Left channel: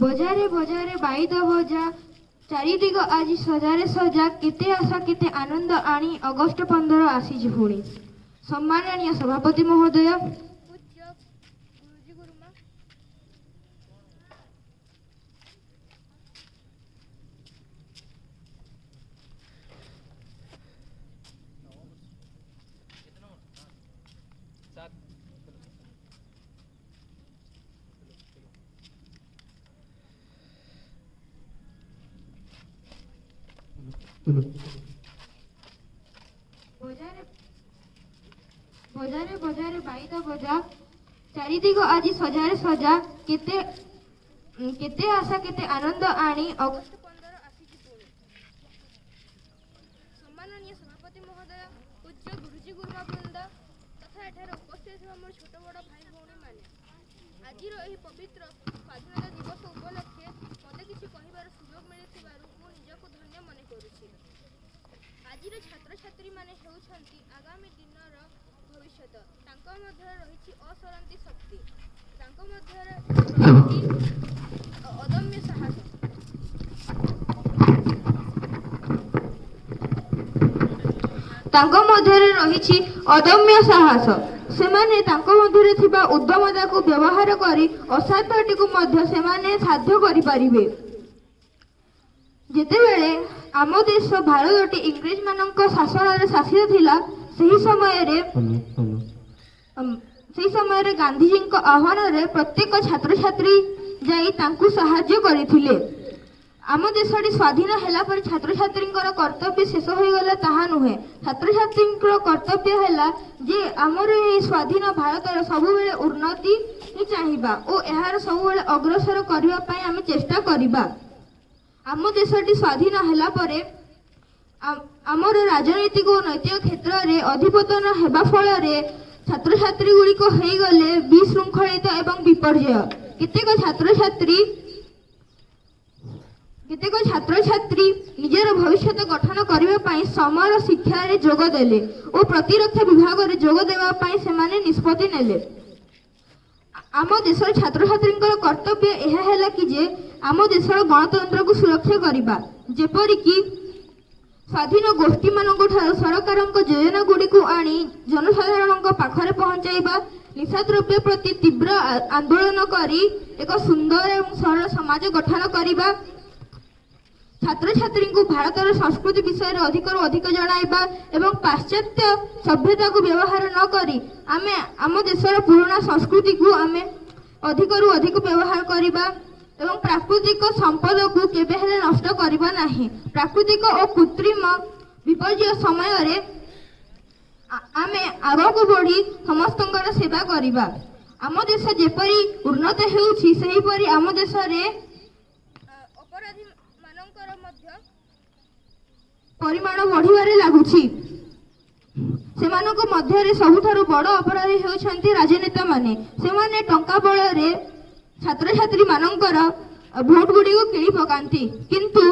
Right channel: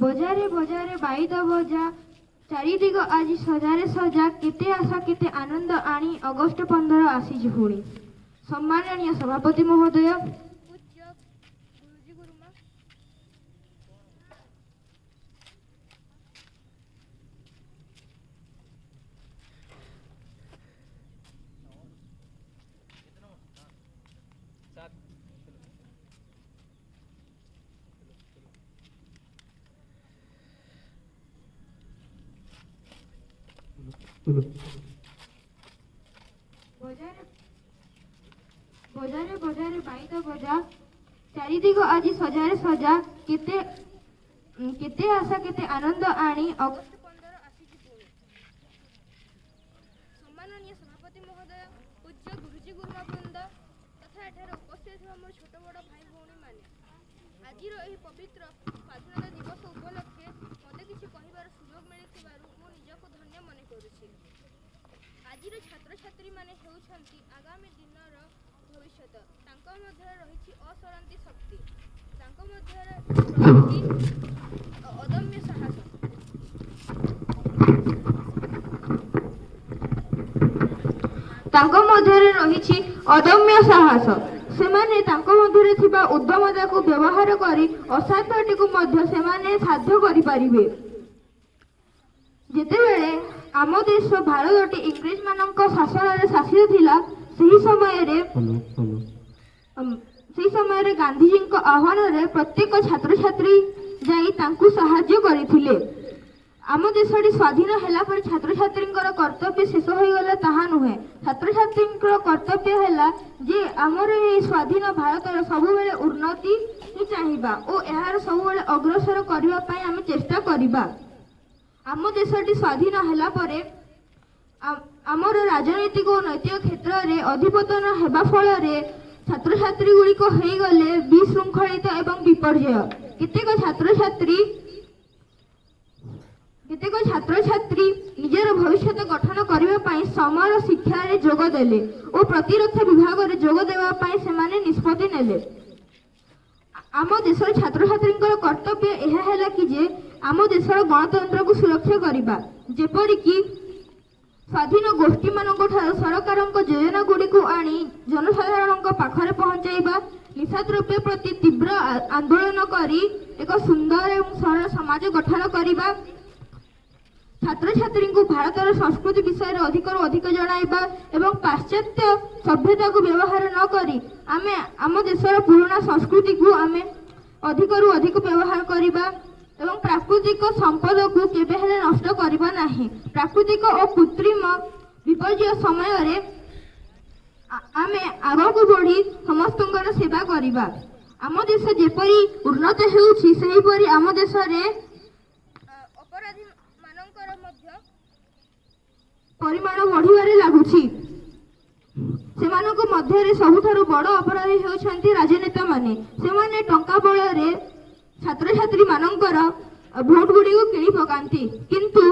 বজারে বজারে বাইদ বজা চারিদিগ আজি সজারে সজা কেতে আশা কেতে আনন্দ আনি অগস্ট 15 আসিছে পুଣି। সম্মাননীয় সভাপতি মহোদয়, পূজ্য গুরুজি গুরুমা, বজারে বজারে বাইদ বজা চারিদিগ আজি সজারে সজা কেতে কেতে আশা কেতে আনন্দ আনি অগস্ট 15 আসিছে পুଣି। সম্মাননীয় সভাপতি মহোদয়, পূজ্য গুরুজি গুরুমা বৃন্দ তথা এଠାରେ উপস্থিত ଥିବା ମୋର ଛୋଟ ବଡ଼ ଭାଇ ଭଉଣୀମାନେ, ଆଜିର ଏହି ପବିତ୍ର ସ୍ୱାଧୀନତା ଦିବସ ଉପଲକ୍ଷେ ମୋତେ କିଛି କହିବାର ସୁଯୋଗ ମିଳିଥିବାରୁ ମୁଁ ନିଜକୁ ଧନ୍ୟ ମନେ କରୁଛି। ଆଜିର ଛାତ୍ରଛାତ୍ରୀମାନେ ହେଉଛନ୍ତି ଆଗାମୀ ଦିନର ଭବିଷ୍ୟତ। ତାଙ୍କ ମଧ୍ୟରେ ରହିଛି ଅସରନ୍ତି ଶକ୍ତି, ତାଙ୍କ ମଧ୍ୟରେ ରହିଛି ଅଦମ୍ୟ ସାହସ। ତାଙ୍କ ମଧ୍ୟରେ ରହିଛି ଅଦମ୍ୟ ସାହସ। ସେମାନେ ତାଙ୍କ ମଧ୍ୟରେ ଥିବା ଉଦ୍ଦମତାକୁ ବ୍ୟବହାର କରି ଅସାଧ୍ୟଟିକୁ ମଧ୍ୟ ସେମାନେ ସାଧ୍ୟ କରିପାରିବେ। ଯେତେବେଳେ ଆମ ଦେଶ ଭାରତଟି ଇଂରେଜମାନଙ୍କ ଶାସନରେ ଶାସିତ ଥିଲା, ସେହି ସମୟରେ ଗାନ୍ଧିଜୀଙ୍କ ଆହ୍ୱାନରେ ପ୍ରତ୍ୟେକ ଛାତ୍ରଛାତ୍ରୀ ଯାଇ ତାଙ୍କୁ ସାହାଯ୍ୟ କରିଥିଲେ। ଆମ ଦେଶଟି ସ୍ୱାଧୀନ ହେଲା ପରେ ଛାତ୍ରଛାତ୍ରୀଙ୍କର କର୍ତ୍ତବ୍ୟ ଶେଷ ହୋଇଗଲା ତାହା ନୁହେଁ। ଛାତ୍ରଛାତ୍ରୀଙ୍କର କର୍ତ୍ତବ୍ୟ ହେଲା ଯେ ଆମର ଏହି ସ୍ୱାଧୀନ ଭାରତର ସବୁବେଳେ ଉନ୍ନତି ଚାହିଁବା ଓ ଏହାର ସବୁବେଳେ ଅଗ୍ରସର କରିବା ପାଇଁ ଆମେ ଚେଷ୍ଟା କରିବା। ଆମ ଦେଶଟି ସ୍ୱାଧୀନ ହେଲା ପରେ ଆମର ରାଜନୈତିକ ଓ ନୈତିକ କ୍ଷେତ୍ରରେ ଅଧିପତନ ହେବା ଫଳରେ ଛାତ୍ରଛାତ୍ରୀ ଗୁଡ଼ିକ ହୋଇଗଲେ ବିଶୃଙ୍ଖଳିତ ଏବଂ ବିପର୍ଯ୍ୟୟ। କେତେକ ଛାତ୍ରଛାତ୍ରୀ ନିଜର ଭବିଷ୍ୟତ ଗଠନ କରିବା ପାଇଁ ସମର ଶିକ୍ଷାରେ ଯୋଗ ଦେଲେ ଓ ପ୍ରତିରକ୍ଷା ବିଭାଗରେ ଯୋଗ ଦେବା ପାଇଁ ସେମାନେ ନିଷ୍ପତ୍ତି ନେଲେ। ଆମ ଦେଶର ଛାତ୍ରଛାତ୍ରୀଙ୍କର କର୍ତ୍ତବ୍ୟ ଏହା ହେଲା କି ଯେ ଆମ ଦେଶର ଗଣତନ୍ତ୍ରକୁ ସୁରକ୍ଷା କରିବା, ଯେପରିକି ସ୍ୱାଧୀନ ଗୋଷ୍ଠୀମାନଙ୍କ ଠାରୁ ସରକାରଙ୍କ ଯୋଜନା ଗୁଡ଼ିକୁ ଆଣି ଜନସାଧାରଣଙ୍କ ପାଖରେ ପହଞ୍ଚାଇବା, ନିଶାଦ୍ରବ୍ୟ ପ୍ରତି ତୀବ୍ର ଆନ୍ଦୋଳନ କରି ଏକ ସୁନ୍ଦର ଏବଂ ସରଳ ସମାଜ ଗଠନ କରିବା, ଛାତ୍ରଛାତ୍ରୀଙ୍କୁ ଭାରତର ସଂସ୍କୃତି ବିଷୟରେ ଅଧିକରୁ ଅଧିକ ଜଣାଇବା ଏବଂ ପାଶ୍ଚାତ୍ୟ ସଭ୍ୟତାକୁ ବ୍ୟବହାର ନ କରି ଆମେ ଆମ ଦେଶର ପୁରୁଣା ସଂସ୍କୃତିକୁ ଆମେ ଅଧିକରୁ ଅଧିକ ବ୍ୟବହାର କରିବା ଏବଂ ପ୍ରାକୃତିକ ସମ୍ପଦକୁ କେବେ ହେଲେ ନଷ୍ଟ କରିବା ନାହିଁ। ପ୍ରାକୃତିକ ଓ କୃତ୍ରିମ ବିପର୍ଯ୍ୟୟ ସମୟରେ ଆମେ ଆଗକୁ ବଢ଼ି ସମସ୍ତଙ୍କର ସେବା କରିବା। ଆମ ଦେଶ ଯେପରି ଉନ୍ନତ ହେଉଛି, ସେହିପରି ଆମ ଦେଶରେ ଅପରାଧୀ ମାନଙ୍କର ମଧ୍ୟ ପରିମାଣ ବଢ଼ିବାରେ ଲାଗୁଛି। ସେମାନଙ୍କ ମଧ୍ୟରେ ସବୁଠାରୁ ବଡ଼ ଅପରାଧୀ ହେଉଛନ୍ତି ରାଜନେତାମାନେ। ସେମାନେ ଟଙ୍କା ବଳରେ ଛାତ୍ରଛାତ୍ରୀ ମାନଙ୍କର ଭୋଟ ଗୁଡ଼ିକୁ କିଣି ପକାନ୍ତି, କିନ୍ତୁ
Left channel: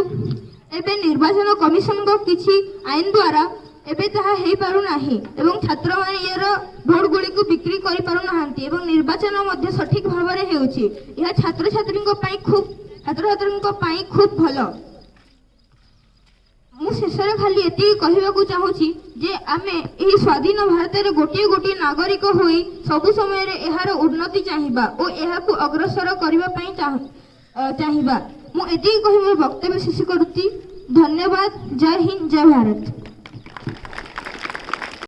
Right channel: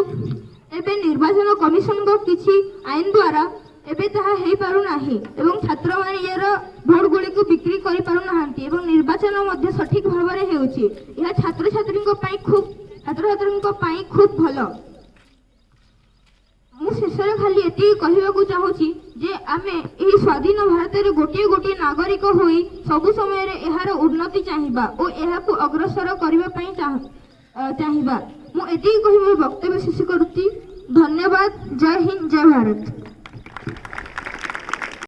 ଏବେ ନିର୍ବାଚନ କମିଶନଙ୍କ କିଛି ଆଇନ ଦ୍ୱାରା ଏବେ ତାହା ହେଇପାରୁନାହିଁ ଏବଂ ଛାତ୍ରମାନେ ଏହାର ଭୋଟ ଗୁଡ଼ିକୁ ବିକ୍ରି କରିପାରୁନାହାନ୍ତି ଏବଂ ନିର୍ବାଚନ ମଧ୍ୟ ସଠିକ ଭାବରେ ହେଉଛି। ଏହା ଛାତ୍ରଛାତ୍ରୀଙ୍କ ପାଇଁ ଖୁବ୍ ଭଲ। ମୁଁ ଶେଷରେ ଖାଲି ଏତିକି କହିବାକୁ ଚାହୁଁଛି ଯେ ଆମେ ଏହି ସ୍ୱାଧୀନ ଭାରତରେ ଗୋଟିଏ ଗୋଟିଏ ନାଗରିକ ହୋଇ ସବୁ ସମୟରେ ଏହାର ଉନ୍ନତି ଚାହିଁବା ଓ ଏହାକୁ ଅଗ୍ରସର କରିବା ପାଇଁ ଚାହିଁବା। ମୁଁ ଏତିକି କହି ମୋର ବକ୍ତବ୍ୟ ଶେଷ କରୁଛି। ଧନ୍ୟବାଦ। ଜୟ ହିନ୍ଦ, ଜୟ ଭାରତ।